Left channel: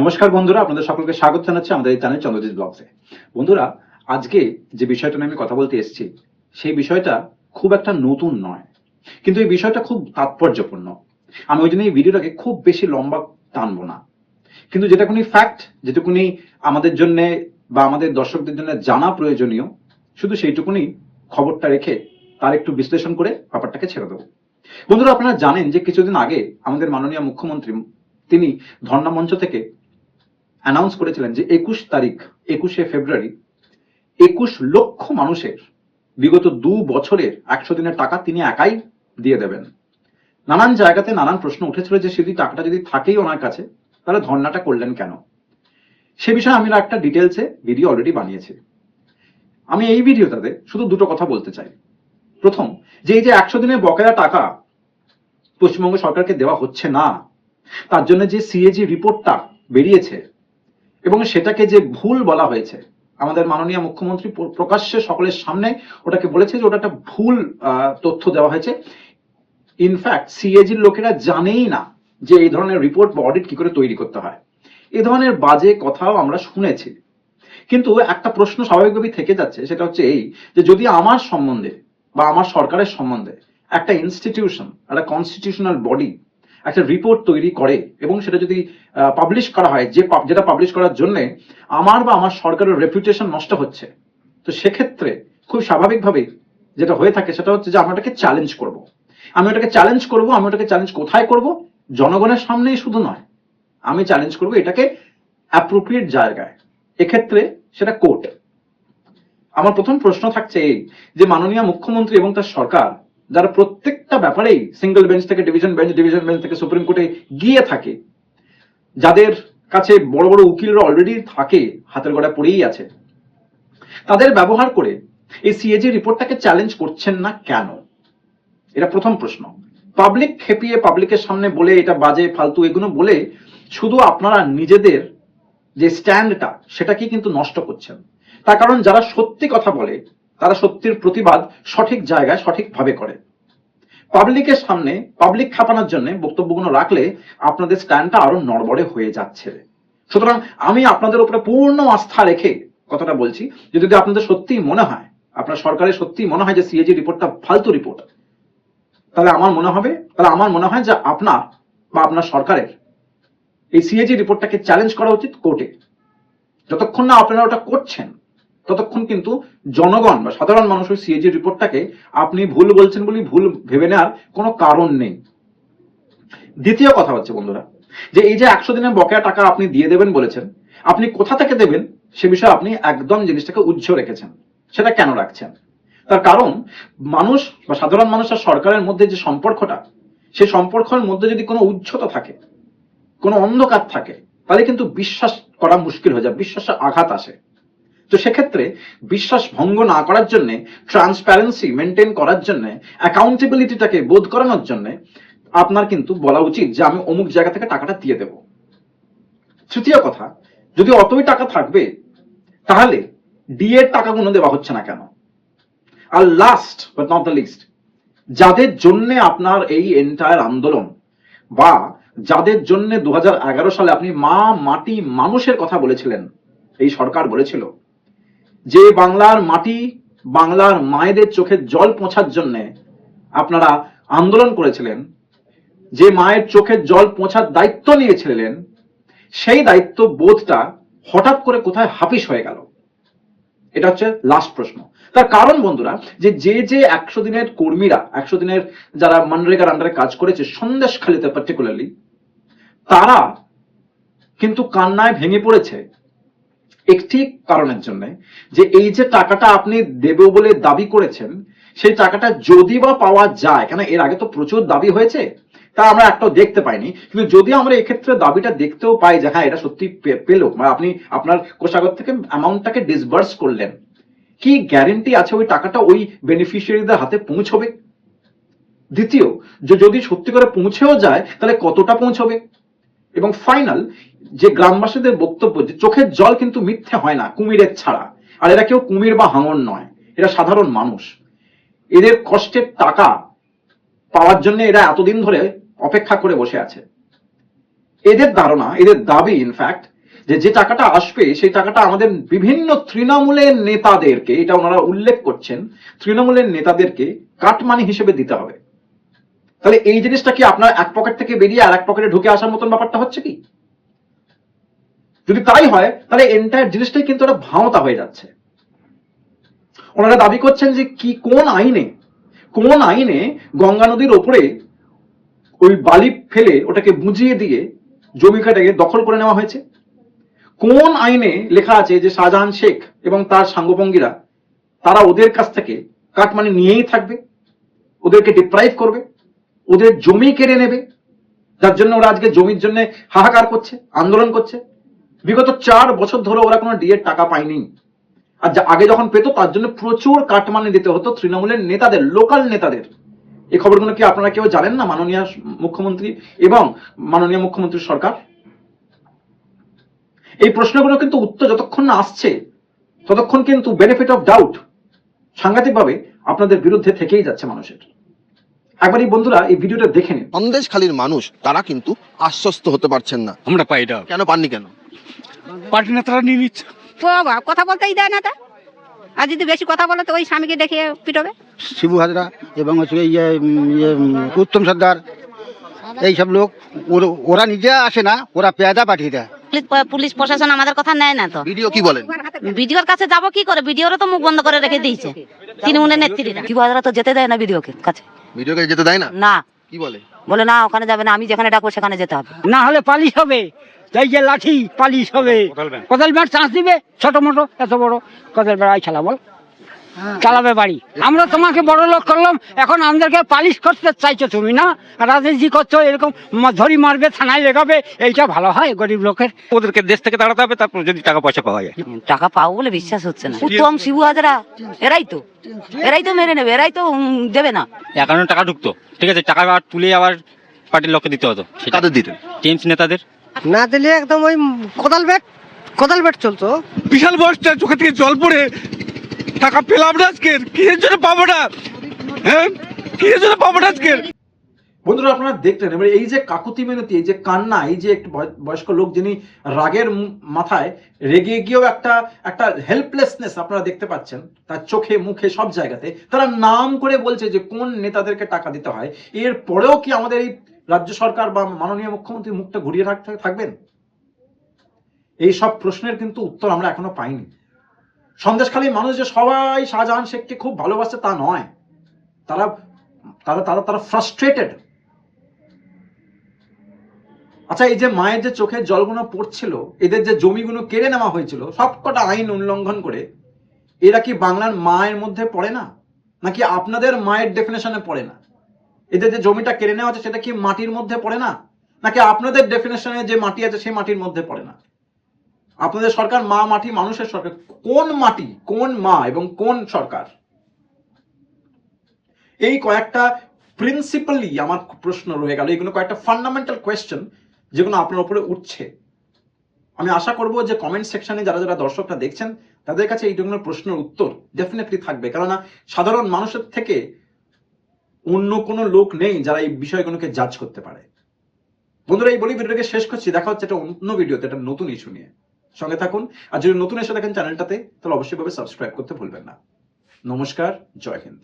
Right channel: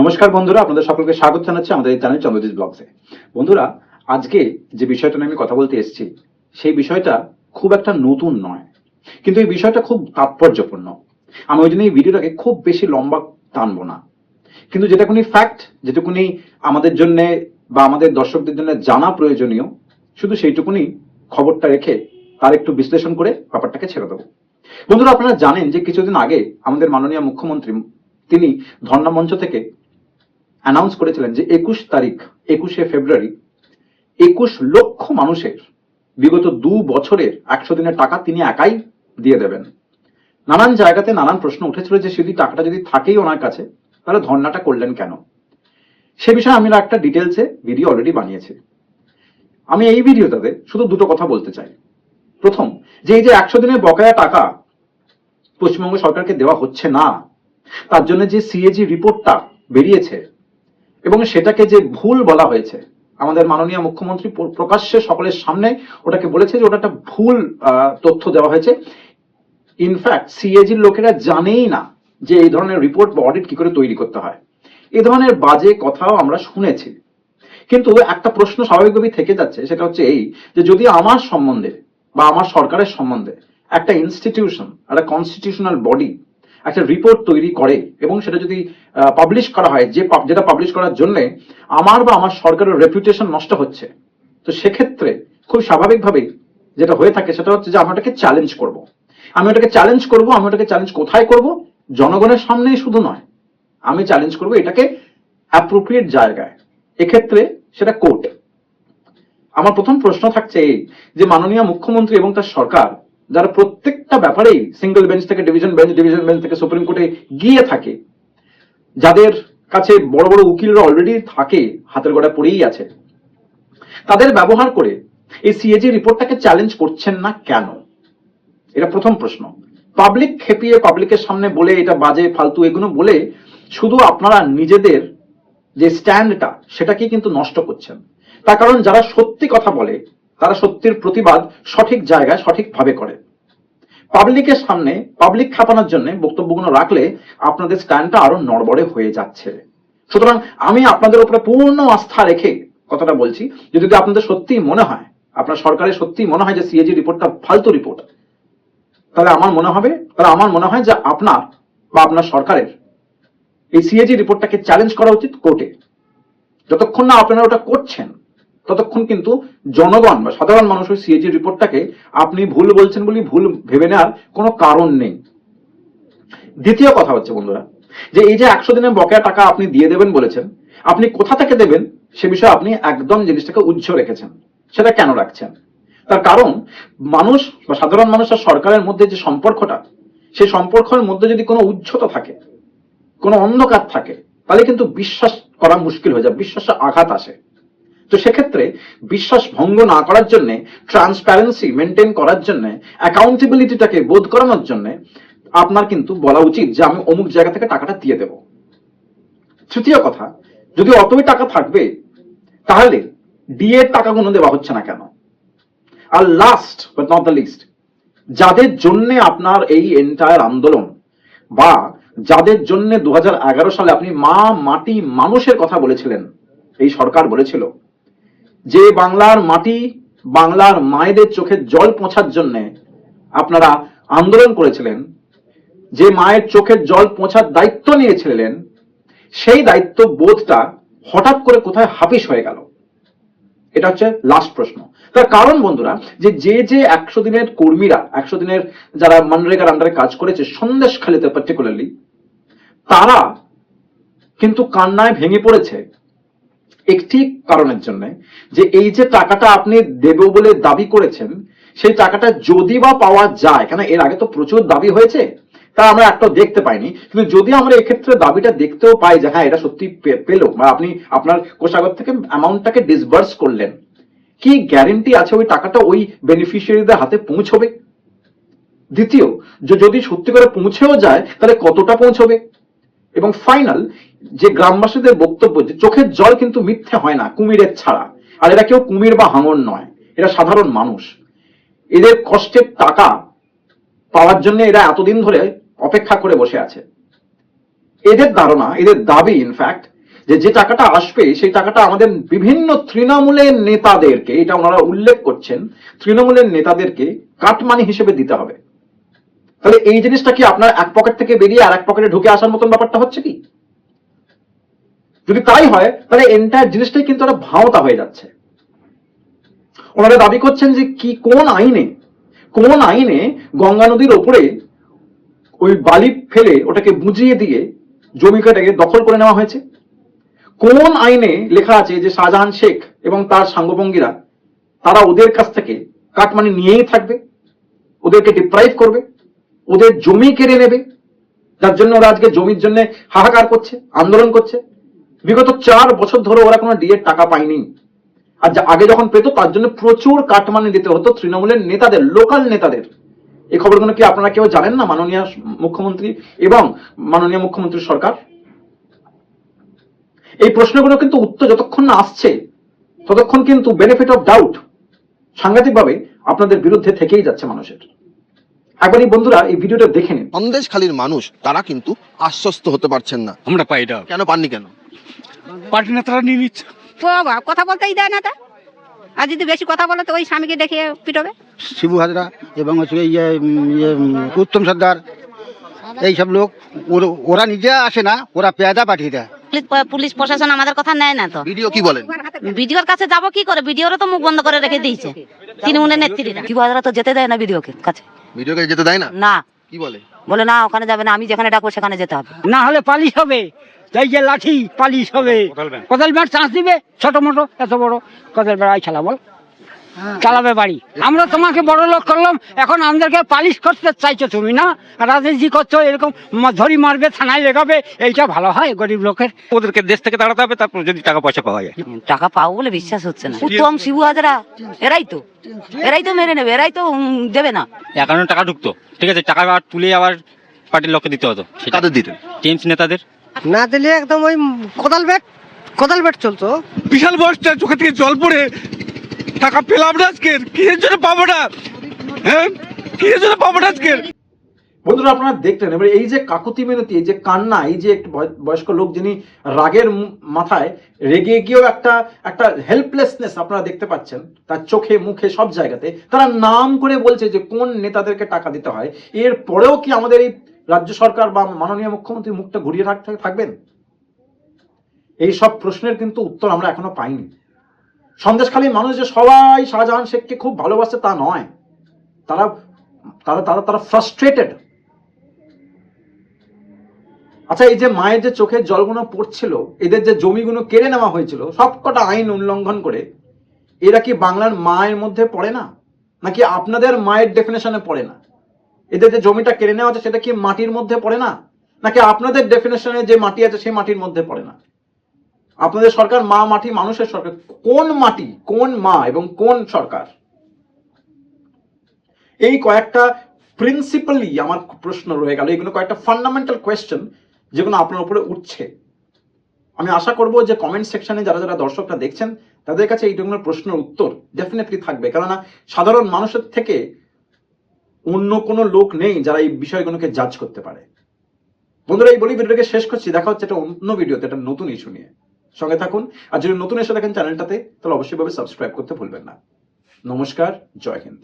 নমস্কার বন্ধুরা, আপনাদের সকলকে স্বাগত জানাচ্ছি আমাদের এই চ্যানেল চন্দ্রজিৎ ব্লগসে। বন্ধুরা, আজকে যে বিষয়টা নিয়ে আমি কথা বলতে এসেছি, সেই বিষয়টা খুব একটা নতুন নয়। কিন্তু এই বিষয়টা খুব তাৎপর্যপূর্ণ। আমি ওই জন্য এই ভিডিওটাকে খুব বেশি লম্বা টানবো না। কিন্তু যেটাকুনি ফ্যাক্ট যেটুকুনি আমাদের জন্য বা আমাদের দর্শকদের জন্য জানা প্রয়োজনীয়, শুধু সেইটুকুনি খবরটা রেখে তার একটু বিশ্লেষণ করে ব্যাপারটাকে ছেড়ে দেবো। বন্ধুরা, আপনারা জানেন যে কিছুদিন আগে আমাদের মাননীয় মুখ্যমন্ত্রী, তিনি ধর্ণা মঞ্চ থেকে অ্যানাউন্স করেছিলেন যে একুশ তারিখ, একুশে ফেব্রুয়ারি, একুশ লক্ষ মানুষের বিগত দু বছরের একশো দিনের টাকা তিনি একাই দিয়ে দেবেন। নানান জায়গাতে নানান প্রশ্ন উঠেছিল যে যদি টাকাটা যদি থাকেই ওনার কাছে, তাহলে ধর্নাটা করলেন কেন? সে বিষয়ে আমি একটা ডিটেলসে ভিডিও অলরেডি বানিয়েছি। আমি এই ভিডিওটাতে শুধু দুটো কথা বলতে চাই। প্রথম, যে এই যে একশো দিনের বকেয়া টাকা পশ্চিমবঙ্গ সরকারকে দেওয়া হচ্ছে না, তার জন্য যে সিএজি রিপোর্টটা বেরিয়েছে এবং সেটাকে যে ভুল বলা হয়েছে, আমাদের মাননীয় মুখ্যমন্ত্রী প্রকাশ্যে সকলের সামনে ওটাকে বলেছে যে ওটা একটা ভুল তথ্য দেওয়া হয়েছে। ইনফ্যাক্ট সিএজির লোকেরা জানেই না যে এই ধরনের রিপোর্ট বা অডিট কি করে তৈরি করতে হয়। এই ধরনের বাজে কথাও আমরা শুনেছি। কিন্তু একটা প্রশ্ন স্বাভাবিকভাবেই থেকে যাচ্ছে, সেটা হচ্ছে এই যে যদি আমার সম্বন্ধে বা আমার সরকারের সম্বন্ধে একটা ইনস্টিটিউশন একটা কনস্টিটিউশনাল বডি একটা রিপোর্ট তৈরি করে এবং সেটা যদি পাবলিশ করা হয়, যে যেটা পাবলিশ করার জন্য আমার বা আমার সরকারের রেপুটেশন নষ্ট হচ্ছে, তো সেক্ষেত্রে খুব স্বাভাবিকভাবেই যেটা হয়ে থাকে সেটা হচ্ছে যে আমি ওটাকে চ্যালেঞ্জ করব। আমি ওটাকে চ্যালেঞ্জ করব, আমি ওটাকে চ্যালেঞ্জ কোথায় করব? জনগণের সামনেই শুধু নয়। আমি চ্যালেঞ্জ করব এটাকে অ্যাপ্রোপ্রিয়েট জায়গায়। এক্ষেত্রে সেটা কোর্ট আমার প্রথম প্রশ্ন থাকছে এই যে মাননীয় মুখ্যমন্ত্রী এবং তার সরকার যারা প্রত্যেকটা ব্যাপারেই সিঙ্গেল বেঞ্চ থেকে ডিভিশন বেঞ্চ ডিভিশন বেঞ্চ থেকে সুপ্রিম কোর্টে গিয়ে থাকে, যাদের কাছে বড় বড় উকিলরা অলরেডি থাকে, হাতের গোড়া পড়েই আছে, তাদের ব্যবহার করে এই সিএজি রিপোর্টটাকে চ্যালেঞ্জ করছেন না কেন? এটা প্রথম প্রশ্ন। পাবলিক খেপিয়ে পাবলিকের সামনে বলে এটা বাজে, ফালতু এগুলো বলে শুধু আপনারা নিজেদের যে স্ট্যান্ডটা সেটাকে কিন্তু নষ্ট করছেন। তার কারণ যারা সত্যি কথা বলে তারা সত্যির প্রতিবাদ সঠিক জায়গায় সঠিকভাবে করে। পাবলিকের সামনে, পাবলিক খাপানোর জন্য বক্তব্যগুলো রাখলে আপনাদের স্ট্যান্ডটা আরও নড়বড়ে হয়ে যাচ্ছে। সুতরাং আমি আপনাদের উপরে পূর্ণ আস্থা রেখে কথাটা বলছি, যে যদি আপনাদের সত্যিই মনে হয়, আপনার সরকারের সত্যিই মনে হয় যে সিএজি রিপোর্টটা ফালতু রিপোর্ট, তাহলে আমার মনে হবে, তাহলে আমার মনে হয় যে আপনার বা আপনার সরকারের এই সিএজি রিপোর্টটাকে চ্যালেঞ্জ করা উচিত কোর্টে। যতক্ষণ না আপনারা ওটা করছেন ততক্ষণ কিন্তু জনগণ বা সাধারণ মানুষ ওই সিএজি রিপোর্টটাকে আপনি ভুল বলছেন বলে ভুল ভেবে নেওয়ার কোনো কারণ নেই। দ্বিতীয় কথা হচ্ছে বন্ধুরা, যে এই যে একশো দিনের বকেয়া টাকা আপনি দিয়ে দেবেন বলেছেন, আপনি কোথা থেকে দেবেন সে বিষয়ে আপনি একদম জিনিসটাকে উজ্জ্ব রেখেছেন, সেটা কেন রাখছেন? তার কারণ মানুষ বা সাধারণ মানুষ আর সরকারের মধ্যে যে সম্পর্কটা, সেই সম্পর্কের মধ্যে যদি কোনো উচ্চতা থাকে, কোনো অন্ধকার থাকে, তাহলে কিন্তু বিশ্বাস করা মুশকিল হয়ে যায়, বিশ্বাসে আঘাত আসে। তো সেক্ষেত্রে বিশ্বাস ভঙ্গ না করার জন্য ট্রান্সপারেন্সি মেনটেন করার জন্য অ্যাকাউন্টেবিলিটিটাকে বোধ করানোর জন্য আপনার কিন্তু বলা উচিত যে আমি অমুক জায়গা থেকে টাকাটা দিয়ে দেব। তৃতীয় কথা, যদি অতই টাকা থাকবে, তাহলে ডিএ টাকাগুলো দেওয়া হচ্ছে না কেন? আর last but not the least যাদের জন্য আপনার এই এন্টায়ার আন্দোলন বা যাদের জন্য দু হাজার এগারো সালে আপনি মা, মাটি, মানুষের কথা বলেছিলেন, এই সরকার বলেছিল যে বাংলার মাটি বাংলার মায়েদের চোখের জল পৌঁছার জন্য আপনারা আন্দোলন করেছিলেন, যে মায়ের চোখের জল পৌঁছার দায়িত্ব নিয়েছিলেন, সেই দায়িত্ব বোধটা হঠাৎ করে কোথায় হাফিস হয়ে গেল? এটা হচ্ছে লাস্ট প্রশ্ন। তার কারণ বন্ধুরা, যে যে যে একশো দিনের কর্মীরা, একশো দিনের যারা মনরেগার আন্ডারে কাজ করেছে সন্দেশখালিতে পার্টিকুলারলি তারা কিন্তু কান্নায় ভেঙে পড়েছে। একটি কারণের জন্য যে এই যে টাকাটা আপনি দেব বলে দাবি করেছেন, সেই টাকাটা যদি বা পাওয়া যায়, কেন এর আগে তো প্রচুর দাবি হয়েছে, তা আমরা একটাও দেখতে পাইনি। কিন্তু যদি আমরা এক্ষেত্রে দাবিটা দেখতেও পাই যে হ্যাঁ এটা সত্যি পেল, বা আপনি আপনার কোষাগর থেকে অ্যামাউন্টটাকে ডিসবার্স করলেন, কি গ্যারেন্টি আছে ওই টাকাটা ওই বেনিফিশিয়ারিদের হাতে পৌঁছবে? দ্বিতীয়, যে যদি সত্যি করে পৌঁছেও যায়, তাহলে কতটা পৌঁছবে? এবং ফাইনাল যে গ্রামবাসীদের বক্তব্য যে চোখের জল কিন্তু মিথ্যে হয় না, কুমিরের ছাড়া। আর এরা কেউ কুমির বা হাঙর নয়, এরা সাধারণ মানুষ। এদের কষ্টের টাকা পাওয়ার জন্য এরা এতদিন ধরে অপেক্ষা করে বসে আছে। এদের ধারণা, এদের দাবি ইনফ্যাক্ট যে যে টাকাটা আসবে, সেই টাকাটা আমাদের বিভিন্ন তৃণমূলের নেতাদেরকে, এটা ওনারা উল্লেখ করছেন, তৃণমূলের নেতাদেরকে কাটমানি হিসেবে দিতে হবে। তাহলে এই জিনিসটা কি আপনার এক পকেট থেকে বেরিয়ে আর এক পকেটে ঢুকে আসার মতন ব্যাপারটা হচ্ছে কি? যদি তাই হয়, তাহলে এন্টায়ার জিনিসটাই কিন্তু একটা ভাওতা হয়ে যাচ্ছে। ওনারা দাবি করছেন যে কি, কোন আইনে কোন আইনে গঙ্গা নদীর ওপরে ওই বালি ফেলে ওটাকে বুঝিয়ে দিয়ে জমিকাটাকে দখল করে নেওয়া হয়েছে? কোন আইনে লেখা আছে যে শাহজাহান শেখ এবং তার সাঙ্গভঙ্গীরা, তারা ওদের কাছ থেকে কাটমানি নিয়েই থাকবে? ওদেরকে ডিপ্রাইভ করবে? ওদের জমি কেড়ে নেবে? যার জন্য ওরা আজকে জমির জন্য হাহাকার করছে, আন্দোলন করছে? বিগত চার বছর ধরে ওরা কোনো ডিএর টাকা পায়নি। আর যা- আগে যখন পেতো তার জন্য প্রচুর কাটমানি দিতে হতো তৃণমূলের নেতাদের লোকাল নেতাদের। এই খবরগুলো কি আপনারা কেউ জানেন না মাননীয় মুখ্যমন্ত্রী এবং মাননীয় মুখ্যমন্ত্রীর সরকার? এই প্রশ্নগুলো কিন্তু উত্তর যতক্ষণ না আসছে ততক্ষণ কিন্তু বেনিফিট অফ ডাউট সাংঘাতিকভাবে আপনাদের বিরুদ্ধে থেকেই যাচ্ছে মানুষের। একবার এই বন্ধুরা এই ভিডিওটা দেখে নিন। সন্দেশখালীর মানুষ তারা কিন্তু আশ্বস্ত হতে পারছেন না। আমরা পাই এটা। কেন পাননি কেন? পার্টি নেতারা নিয়ে নিচ্ছে। বাবা কথা বলতেই দেয় না তা। আর যদি বেশি কথা বলে তো ওই স্বামীকে দেখে পিটবে। শিবু হাজরা এবং হচ্ছে ইয়ে উত্তম সর্দার এইসব লোক ওরা নিজে আসে না ওরা পেয়াদা পাঠিয়ে দেয়। পুলিশ- প্রশাসন আমাদের কথা নেয় না তো। ভিডিও কি বলেন? ভিডিওর কাছে যাব কি করে? ভিডিওরও তো মুখ বন্ধ করে রেখে দিয়েছে। তৃণমূলের নেত্রীরা। শিবহাজরা তো যেতে দেয় না ভিডিওকে কাছে। যেতে দেয় না? না। কি বলে? বলে না ওখানে যাবে না আমি যেখানে ডাকবো সেখানে যেতে হবে। না হলে পালিশ হবে। এই যে লাঠি পালিশ হবে। কোদাল ব্যাট। চান্স দিবে? ছোট মোটো এত বড়। কোদাল ব্যাট আই খেলা বল। চালাবে বাড়ি। আমরা তোমাকে বড় লোক করলাম এখন আমাদেরকে পালিশ করতে চাইছো তুমি না? রাজনীতি করছ এরকম ধরি মারবে থানায় লেগাবে এইটা ভালো হয় গরিব লোকের? ওদেরকে দেশ থেকে তাড়াতে হবে তারপর যদি টাকা পয়সা পাওয়া যায়। টাকা পাবো বলে বিশ্বাস হচ্ছে না। উত্তম শিবু হাজরা এরাই তো। এরাই তো মেরে নেবে এরাই তো উম, দেবে না। অ্যাকাউন্টে টাকা ঢুকতো। ঠিক আছে টাকা তুলে আবার পার্টির লোককে দিতে হতো। সেটা কাদের দিতেন? টিএমসি নেতাদের। না দিলে একদম ওই কোদাল ব্যাট কোদাল ব্যাট চলতো। বিশাল বয়সটা চোখে থেকে জল পড়ে। টাকা পেলাম না আজকের কিসের জন্য পাবো না? হ্যাঁ? কিসের জন্য পাবো না আজকের বন্ধুরা আপনারা দেখলেন এবার এই যে কাকুতি মিনতি এই যে কান্না এই যে একটু বয়স্ক লোক যিনি রাগের মাথায় রেগে গিয়েও একটা একটা হেল্পলেসনেস আপনারা দেখতে পাচ্ছেন তার চোখে মুখে সব জায়গাতে তারা নাম করে বলছে যে কোন নেতাদেরকে টাকা দিতে হয়। এর পরেও কি আমাদের এই রাজ্য সরকার বা মাননীয় মুখ্যমন্ত্রী মুখটা ঘুরিয়ে রাখতে থাকবেন? এই সব প্রশ্নের কিন্তু উত্তর আমরা এখনও পাইনি। সন্দেশখালী মানুষ যে সবাই শাহজাহান শেখকে খুব ভালোবাসে তা নয়। তারা তারা তারা তারা ফ্রাস্ট্রেটেড আচ্ছা এই যে মায়ের যে চোখের জলগুলো পড়ছিল, এদের যে জমিগুলো কেড়ে নেওয়া হয়েছিল, সবকটা আইন উল্লঙ্ঘন করে, এরা কি বাংলার মায়ের মধ্যে পড়ে না? নাকি আপনাদের মায়ের ডেফিনেশনে পড়ে না? এদের যে জমিটা কেড়ে নেওয়া আছে সেটা কি মাটির মধ্যে পড়ে না? নাকি আপনাদের ডেফিনেশনে যে মাটি আছে, সেই মাটির মধ্যে পড়ে না? আপনাদের সরকার মা মাটি মানুষের সরকার। কোন মাটি, কোন মা এবং কোন সরকার? এই কয়েকটা প্রিন্সিপালি আমার প্রশ্ন রয়ে গেল। এগুলো কয়েকটা ফান্ডামেন্টাল কোয়েশ্চেন যেগুলো আপনার উপরে উঠছে। আমি আশা করব যে কমেন্ট সেকশনে যারা যারা দর্শকরা দেখছেন, তাদের কাছে এইগুলোর প্রশ্নের উত্তর ডেফিনেটলি থাকবে। কেননা সাধারণ মানুষের থেকে অন্য কোনো লোক নেই যারা এই বিষয়গুলোকে জাজ করতে পারে। বন্ধুরা, এই বলি ভিডিওটাকে শেষ করছি। দেখা হচ্ছে একটা অন্য ভিডিওতে, একটা নতুন ইস্যু নিয়ে। সঙ্গে থাকুন। আর যদি নতুন এসে দেখেন চ্যানেলটাতে তাহলে অবশ্যই ভাবে সাবস্ক্রাইব করতে ভুলবেন না। নমস্কার, জয় হিন্দ।